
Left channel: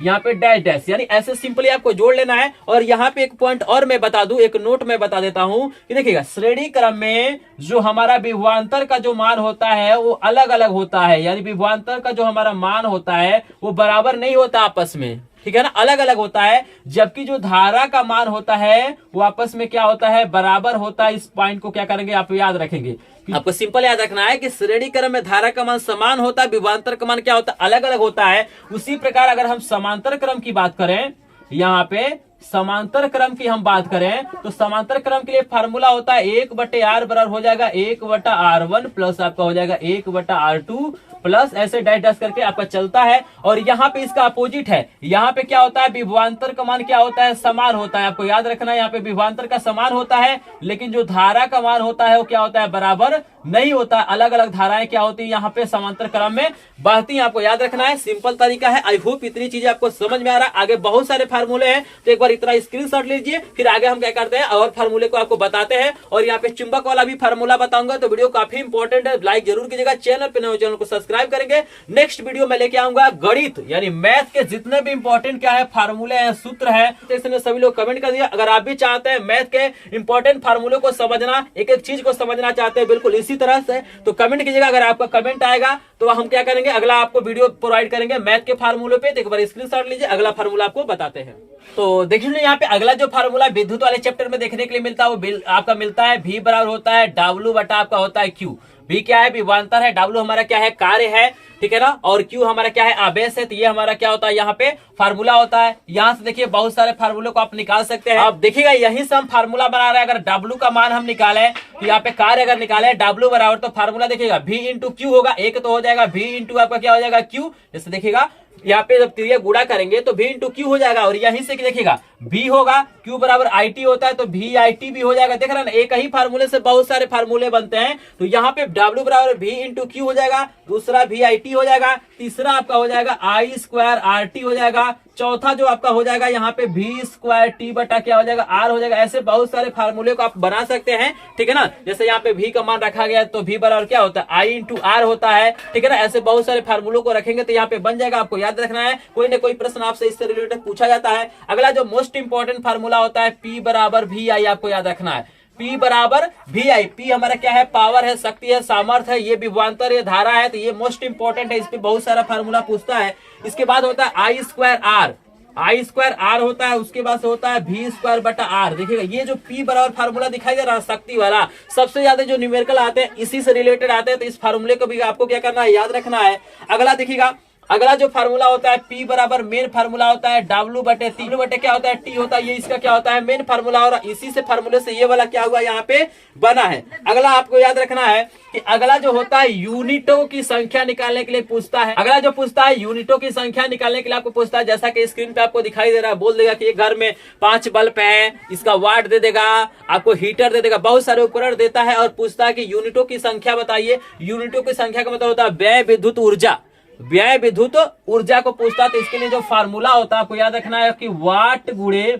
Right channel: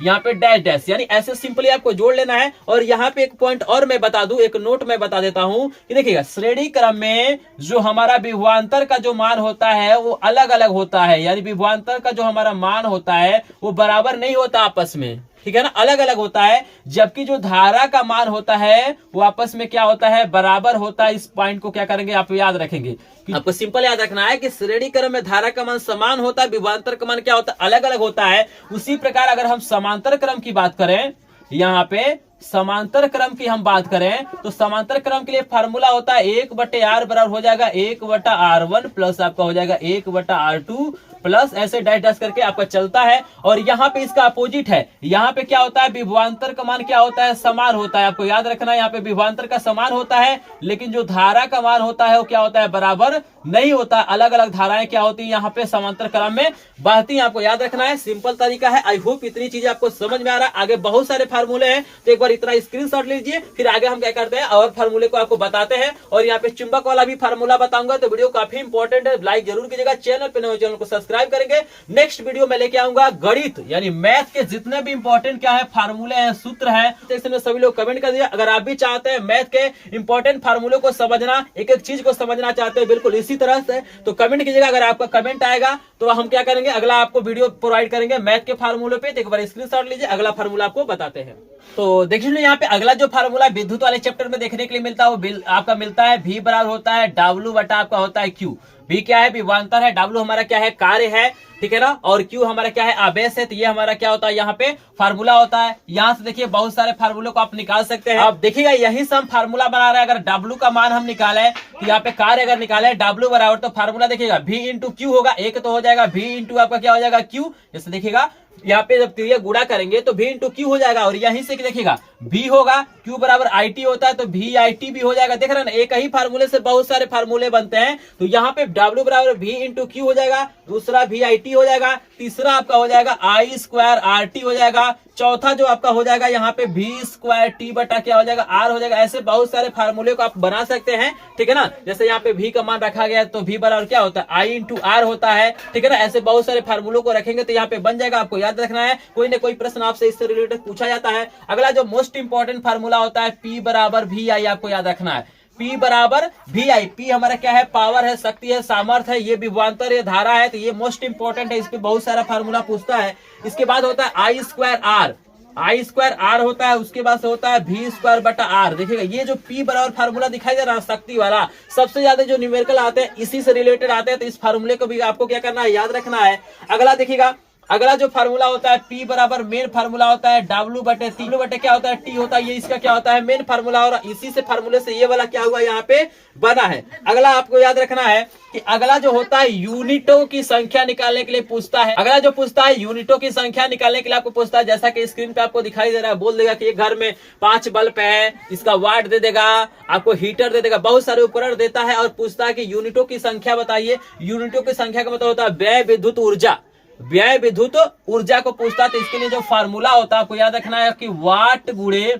यहाँ पे डैश डैश, यानी ऐसे सिंपली आपको जोड़ लेना है। और यहाँ पे एक पॉइंट और मैं बता दूं, एक नोट में बता देता हूं कि देखिएगा, श्रेणी क्रम में जो हमारा विभवांतर का जो मान होता है वो अलग अलग होता है। यानी विभवांतर का जो हमारा मान होता है वो बराबर नहीं होता आपस में, ठीक है ना, अलग अलग होता है। जबकि जो धारा का मान होता है वो आपस में क्या होता है, बराबर होता है। इस पॉइंट को क्या करेंगे, आप याद रखेंगे। आपको सिंपल याद रखना है कि श्रेणी क्रम में धारा का मान समान होता है, विभवांतर का मान क्या होता है, अलग अलग होता है। उसी प्रकार अगर हम समांतर क्रम की बात करें, यहाँ पे समांतर क्रम की हम बात करें, तो समांतर क्रम के लिए फार्मूला होता है 1/R बराबर हो जाएगा 1/R1 प्लस आपका हो जाएगा 1/R2 प्लस ऐसे डैश डैश करके आपका चलता है। और यहाँ पे इसका अपोजिट है, यहाँ पे क्या होता है, विभवांतर का मान क्या होता है, समान होता है। आपको याद रखना है, यहाँ पे विभवांतर का समान होता है, लेकिन जो धारा का मान होता है वो क्या होता है, बराबर नहीं होता। अलग अलग धाराएं क्या होती है यहाँ पे समांतर क्रम में बहती हैं। आपको याद रखना है, सिंपल तरीका है। आई होप इतनी चीजें आपको समझ में आ रहा है। आगे बहुत सारे फार्मूले हैं, तो एक बार इतना स्क्रीनशॉट लीजिए, फिर आगे हम क्या करते हैं और फार्मूले को आपको बताते हैं। और यहाँ पे चुंबक वाला भी फार्मूला बताऊंगा, तो वीडियो काफी इंपॉर्टेंट है, लाइक जरूर कीजिएगा। चैनल पे नए चैनल को सब्सक्राइब सब्सक्राइब करेंगे। नेक्स्ट वीडियो में लेके आऊंगा गणित यानी मैथ के जितने भी इंपॉर्टेंट क्या है फार्मूले हैं, सूत्र है, तो सभी लोग कमेंट कर दिया। अगर आप भी चाहते हैं मैथ के इंपॉर्टेंट फार्मूले को समझना, एक एक चीज को समझना चाहते हैं बिल्कुल इसी तरह से, तो कमेंट कीजिएगा। अगर आपका कमेंट आएगा तो हम क्या करेंगे, अगला आपको वीडियो प्रोवाइड करेंगे मैथ के फार्मूले पे। तो एक बार स्क्रीनशॉट लीजिए, अगला फार्मूला आपको बताते हैं। तो देखिए यहाँ पे अगला जो फार्मूला विद्युत वाले चैप्टर में देखने के लिए मिलता है वो आपका मिलता है V बराबर होता है W बटा आपका होता है Q। V क्या है, विभवांतर है, W हमारा क्या है, कार्य है, ठीक है ना, और Q हमारा क्या है, आवेश है। तो ये हमारा क्या होता है यहाँ पे फार्मूला होता है। यहाँ से देखिए बहुत सारे फार्मूले को आप निकाल सकते हैं। अब देखिएगा यही से हम फार्मूला बना रहे हैं। अगर W का मान हम निकाले तो यहाँ पे कार्य अगर निकाले W बराबर, तो फार्मूला देखिएगा V इंटू Q होगा, एक तो हो जाएगा V इंटू आपका क्या हो जाएगा Q। जैसे देखिएगा यहाँ पे जब क्रिया गुणा करेंगे तो V इंटू Q हो जाएगा, और यहीं से देखिएगा V होगा, Q बराबर IT होता है तो VIT भी हो जाएगा। देख रहे हैं ना, एक ही फार्मूले से बहुत सारे फार्मूले बनते हैं। तो यहाँ पे W बराबर V इंटू Q हो जाएगा, दूसरा VIT हो जाएगा, तीसरा आपका हो जाएगा I स्क्वायर RT हो जाएगा, चौथा जो आपका हो जाएगा यहाँ पे V स्क्वायर T बटा क्या हो जाएगा, R हो जाएगा। ऐसे बहुत सारे फार्मूले को आप बना सकते हैं, ठीक है ना। जैसे यहाँ पे V का मान रखा गया तो V बराबर क्या होता है, I इंटू R होता है, ठीक है ना। ऐसे बहुत सारे फार्मूलों को रखेंगे तो यहाँ पे बन जाएगा। आपको याद रखना है, कोई ना कोई प्रश्न आपसे इससे रिलेटेड पूछा जाता है। अगला जो मोस्ट इंपॉर्टेंट फार्मूला होता है P बराबर VI, आपको याद रखना है P बराबर VI। P हमारा क्या है, पावर है, शक्ति है, सामर्थ्य है, ये विभवांतर है, धारा है, तो ये मोस्ट इंपॉर्टेंट है। इस पे बहुत सारा फार्मूला पूछता है। इसके बाद होता है I square R, I square R होता है, उसके बाद से होता है V स्क्वायर बटा R। देखिएगा ये जो P बराबर फार्मूला दिखाई दे रहा है शक्ति वाला, सबसे ज्यादा जो न्यूमेरिकल आते हैं इसी से रिलेटेड आते हैं। तो इस फार्मूले को भी आपको क्या करना है, याद रखना है। अगला देखिएगा, अगला जो फार्मूला होता है P बराबर मेन फार्मूला होता है W बटे 3 बटे क्या होता है T होता है, ये इसका क्या होता है, मेन फार्मूला। और इसी से फार्मूले से ये वाला क्या हुआ यहाँ पे बना है। अगला आपको याद रखना है कि अगला जो होता है यूनिटों की संख्या निकालने के लिए पूछता है। अगला जो पूछता है यूनिटों की संख्या निकालने के लिए आपको पूछता है, जैसा कि स्क्रीन पे आपको दिखाई दे रहा है, बोल देगा कि एक घर में 5 बल्ब है, इसका वाट दे देगा, आपको हीटर दे देगा, बहुत सारे उपकरण देता है और पूछता है कि यूनिटों की संख्या बताइए। यूनिटों की संख्या का मतलब होता है व्यय विद्युत ऊर्जा, व्यय विद्युत ऊर्जा को पूछता है। तो इसके लिए जो फार्मूला होता है आपको याद रखना है कि वाट गुणे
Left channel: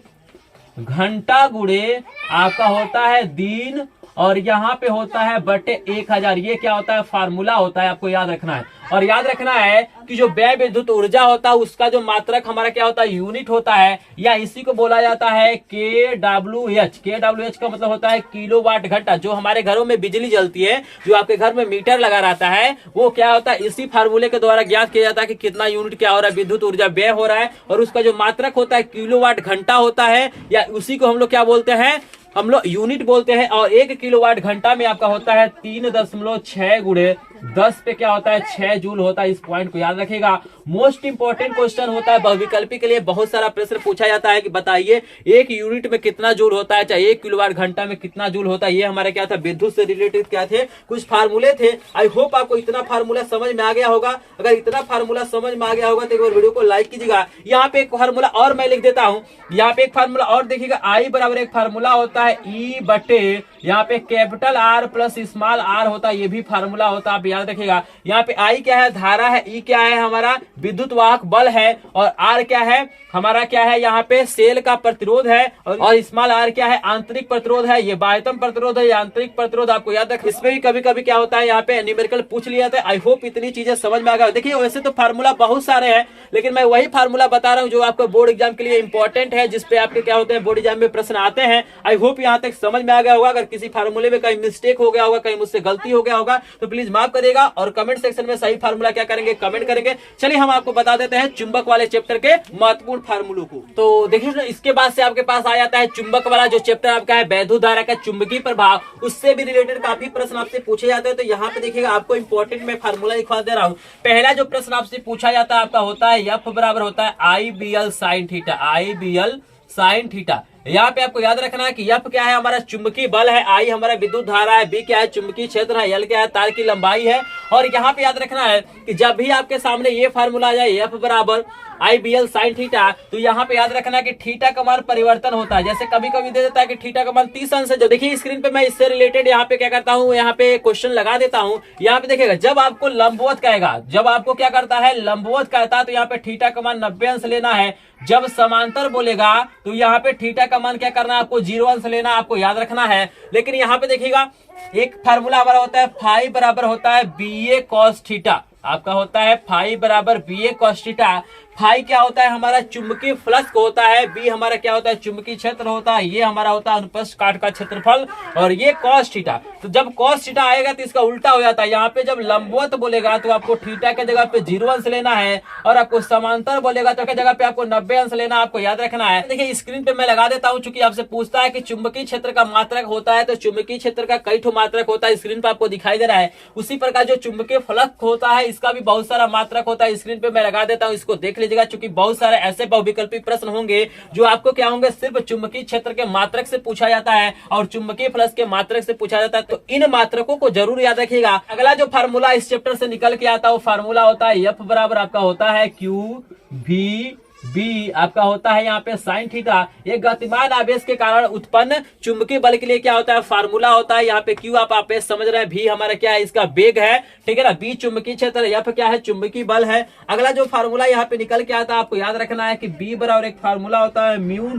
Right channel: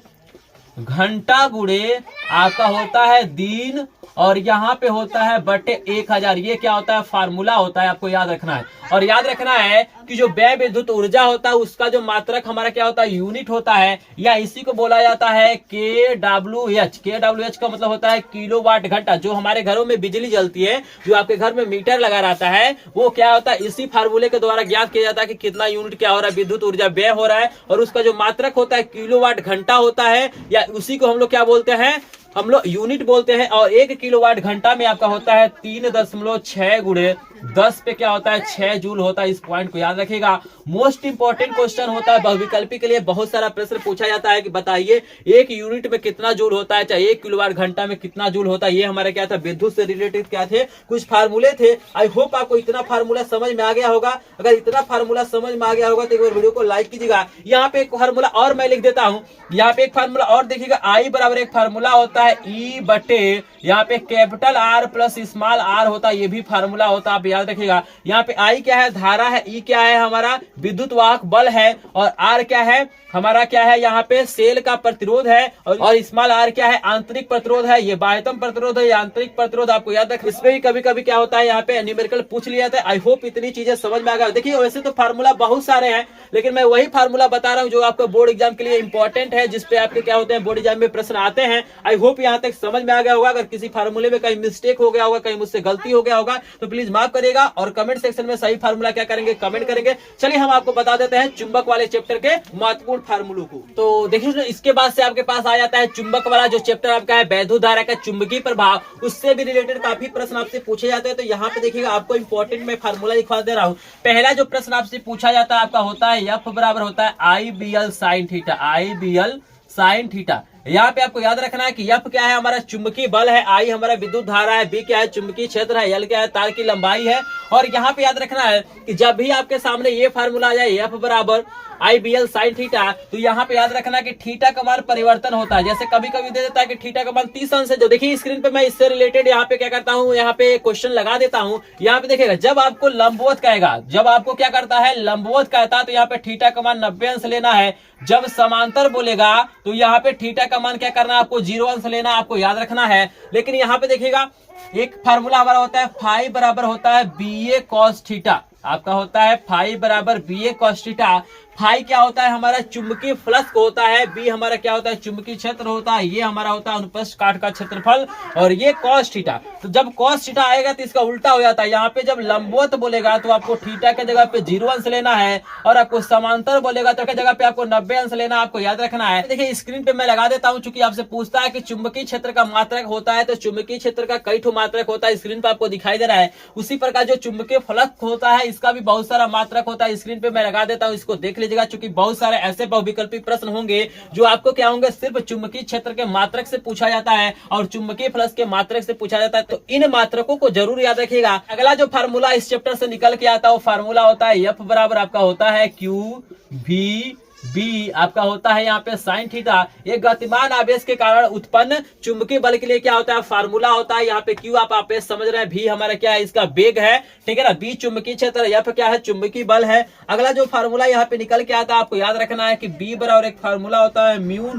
घंटा गुणे आपका होता है दिन, और यहाँ पे होता है बटे 1000। ये क्या होता है, फार्मूला होता है, आपको याद रखना है। और याद रखना है कि जो व्यय विद्युत ऊर्जा होता है उसका जो मात्रक हमारा क्या होता है, यूनिट होता है, या इसी को बोला जाता है KWH। KWH का मतलब होता है किलोवाट घंटा। जो हमारे घरों में बिजली जलती है, जो आपके घर में मीटर लगा रहता है, वो क्या होता है, इसी फार्मूले के द्वारा ज्ञात किया जाता है कि कितना यूनिट क्या हो रहा है, विद्युत ऊर्जा व्यय हो रहा है, और उसका जो मात्रक होता है किलोवाट घंटा होता है, या उसी को हम लोग क्या बोलते हैं, हम लोग यूनिट बोलते हैं। और 1 किलोवाट घंटा में आपका होता है 3.6 गुणे 10 पे क्या होता है 6 जूल होता है। इस पॉइंट को याद रखिएगा। मोस्ट इंपॉर्टेंट क्वेश्चन होता है बहुविकल्पी के लिए। बहुत सारा प्रश्न पूछा जाता है कि बताइए 1 यूनिट में कितना जूल होता है, चाहे 1 किलोवाट घंटा में कितना जूल होता है। ये हमारा क्या था, विद्युत से रिलेटेड क्या थे, कुछ फार्मूले थे। आई होप आपको इतना फार्मूला समझ में आ गया होगा। अगर इतना फार्मूला समझ में आ गया होगा तो एक बार वीडियो को लाइक कीजिएगा। यहाँ पे एक फार्मूला और मैं लिख देता हूँ, यहाँ पे एक फार्मूला और देखिएगा। I बराबर एक फार्मूला होता है E बटे यहाँ पे capital R plus small r होता है, ये भी फार्मूला होता है, आप याद रखिएगा। यहाँ पे I क्या है, धारा है, E क्या है, हमारा विद्युत वाहक बल है, और R क्या है, हमारा क्या है, यहाँ पे सेल का प्रतिरोध है, और स्मॉल r क्या है, आंतरिक प्रतिरोध है। ये बाह्यतम प्रतिरोध है, आंतरिक प्रतिरोध, आपको याद रखिए। इसमें भी कभी कभी क्या होता है, यहाँ पे न्यूमेरिकल पूछ लिया था। आई होप इतनी चीजें समझ में आ गया। देखिए वैसे तो फार्मूला बहुत सारे हैं, लेकिन मैं वही फार्मूला बता रहा हूँ जो आपको बोर्ड एग्जाम के लिए इंपॉर्टेंट है, जिसपे आपके क्या होते हैं, बोर्ड एग्जाम में प्रश्न आते हैं। आई होप यहाँ तक समझ में आ गया होगा। अगर किसी फार्मूले में कहीं मिस्टेक हो गया होगा, कहीं मुझसे गलती हो गया होगा, तो प्लीज माफ करिएगा, और कमेंट सेक्शन में सही फार्मूला क्या करेंगे, कमेंट करेंगे। चलिए हम आपको बता देते हैं चुंबक वाले चैप्टर के महत्वपूर्ण फार्मूलों को। तो देखिए इसके बाद से आपके पास आ जाता है चुंबक वाला जो चैप्टर आपका है, वैद्युत धारा का चुंबकीय प्रभाव, उससे भी रिलेटेड काफी प्रश्न आपसे पूछे जाते हैं। तो यहाँ पे देखिएगा आपको इंपॉर्टेंट में फार्मूला लिखवा दे रहा हूँ। पहला जो प्रश्न आपसे पूछा जाता है आपका होता है F बराबर होता है IBL sine theta, IBL sine theta. यहाँ पे आपको याद रखना है कि F क्या है, हमारा चुंबकीय बल है, I हमारा विद्युत धारा है, B क्या है, चुंबकीय क्षेत्र है, L क्या है, तार की लंबाई है। और यहाँ पे याद रखना है कि जब भी आपके सामने ये फार्मूला आ जाए F बराबर IBL साइन थीटा, तो यहाँ पे याद रखना कि थीटा का मान परिवर्तन होता है। जैसे कभी कभी दे देता है कि थीटा का मान 30 अंश है। जो देखिए स्क्रीन पे मैं इससे रिलेटेड यहाँ पे क्या करता हूँ, यहाँ पे क्वेश्चन लगा देता हूँ। यहाँ पे देखिएगा जब आपको लंबवत कहेगा, जब आपको क्या करता है, लंबवत कहता है, तो यहाँ पे थीटा का मान 90 अंश लेना है। जब समांतर बोलेगा तो यहाँ पे थीटा का मान क्या करना है, आपको 0 अंश लेना, आपको याद रखना है। लेकिन यहाँ पे देखिएगा एक फार्मूला हमारा होता है फाई बराबर होता है BA cos थीटा। आपका होता है फाई बराबर बी ए कॉस थीटा। फाई क्या होता है हमारा चुंबकीय फ्लक्स होता है, बी हमारा क्या होता है चुंबकीय क्षेत्र होता है, ये हमारा होता है अनुप्रस्थ काट का क्षेत्रफल, और ये कॉस थीटा। तो जब कॉस थीटा आएगा तो इसका उल्टा हो जाता है, यहाँ पे जब लंबवत बोलेगा तो आपको थीटा के जगह पे 0 अंश लेना है, और आपको समांतर बोलेगा तो जगह पे आपको 90 अंश लेना, आपको याद रखना है। देखिए स्क्रीन पे मैं लगा देता हूँ, चूंकि आपसे पूछता है कि चुंबकीय क्षेत्र का मात्रक होता है, तो चुंबकीय क्षेत्र का कई ठो मात्रक होता है, स्क्रीन पे आपको दिखाई दे रहा है। उसी प्रकार जो चुंबकीय फ्लक्स होता है इसका भी बहुत सारा मात्रक होता है, स्क्रीन पे मैं लगा देता हूँ, इसको देख लीजिएगा। चूंकि बहुत सारे ऐसे बहुविकल्पी प्रश्न होंगे जो आपको क्या होंगे सिर्फ चुंबकीय क्षेत्र के मात्रक से पूछा जाता है और चुंबकीय फ्लक्स के मात्रक से पूछा जाता है, तो इन मात्रकों को जरूर याद रखिएगा। अगला जो फार्मूला इस चैप्टर से निकल के आता है वो फार्मूला होता है एफ बराबर आपका होता है क्यू भी बी, आपका होता है यहाँ पे साइन थीटा। एक गतिमान आवेश के कारण उत्पन्न चुंबकीय बल के लिए क्या होता है फार्मूला होता है यहाँ पे क्यू, आप आवेश समझ रहे हैं, भी हमारा क्या है इसका वेग है, ठीक है ना, बी चुंबकीय क्षेत्र, एफ क्या है चुंबकीय बल है। अगला जो फार्मूला यहाँ पे निकल के आता है आपको याद रखना है कि बी बराबर एक फार्मूला होता है म्यू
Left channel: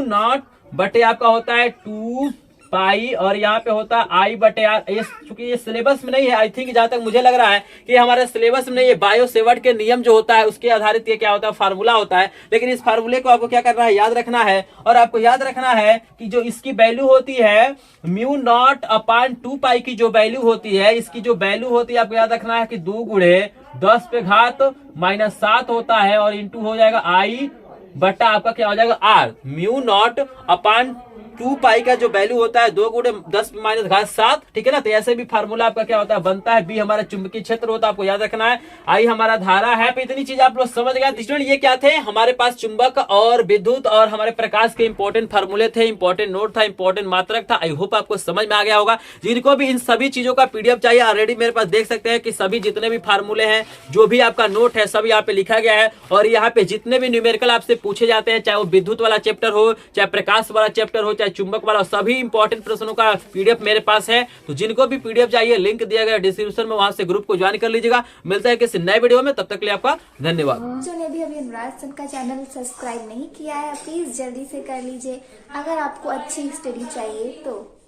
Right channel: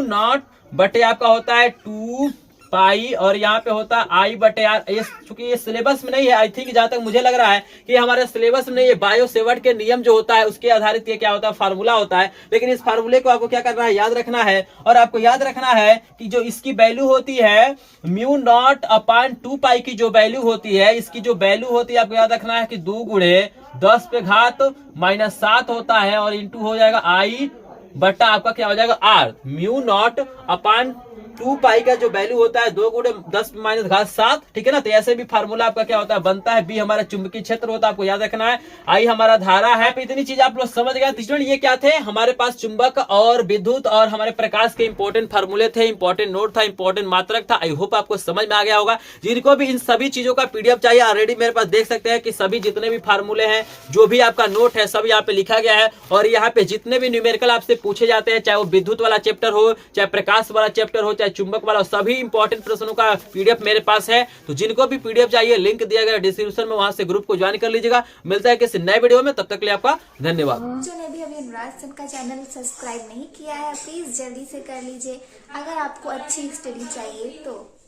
नॉट बटे आपका होता है 2 पाई, और यहाँ पे होता है आई बटे आर। ये चूंकि ये सिलेबस में नहीं है, आई थिंक जहां तक मुझे लग रहा है कि हमारे सिलेबस में नहीं, ये बायो सेवर्ट के नियम जो होता है उसके आधारित ये क्या होता है फार्मूला होता है। लेकिन इस फार्मूले को आपको क्या करना है याद रखना है, और आपको याद रखना है कि जो इसकी वैल्यू होती है म्यू नॉट अपान 2 पाई की जो वैल्यू होती है, इसकी जो वैल्यू होती है आपको याद रखना है कि 2 गुणे 10 पे घात -7 होता है, और इंटू हो जाएगा आई बटा आपका क्या हो जाएगा आर। म्यू नॉट अपान 2 पाई का जो वैल्यू होता है 2 गुणे 10 माइनस घात 7, ठीक है ना। तो ऐसे भी फार्मूला आपका क्या होता है बनता है, बी हमारा चुंबकीय क्षेत्र होता है, आपको याद रखना है, आई हमारा धारा है। इतनी चीज आप लोग समझ गए। स्टूडेंट ये क्या थे हमारे पास चुंबक और विद्युत और हमारे प्रकाश के इंपॉर्टेंट फार्मूले थे, इंपॉर्टेंट नोट था, इंपॉर्टेंट मात्रक था। आई होप आपको समझ में आ गया होगा। जिनको भी इन सभी चीजों का पीडीएफ चाहिए ऑलरेडी मेरे पास देख सकते हैं कि सभी जितने भी फार्मूले हैं, जो भी आपका नोट है सब यहाँ पे लिखा गया है, और यहाँ पे जितने भी न्यूमेरिकल आपसे पूछे जाते हैं, चाहे वो विद्युत वाला चैप्टर हो, चाहे प्रकाश वाला चैप्टर हो, चाहे चुंबक वाला, सभी इंपॉर्टेंट प्रश्नों का पीडीएफ मेरे पास है। तो जिनको भी पीडीएफ चाहिए लिंक दिया गया डिस्क्रिप्शन में, वहां से ग्रुप को ज्वाइन कर लीजिएगा। मिलता है किसी नए वीडियो में, तब तक के लिए आपका धन्यवाद। जो ने भी अभी अनुराग सर का चैनल सब्सक्राइब नहीं किया है प्लीज जल्दी से कर लीजिए। अगर आपको अच्छी स्टडी चाहिए तो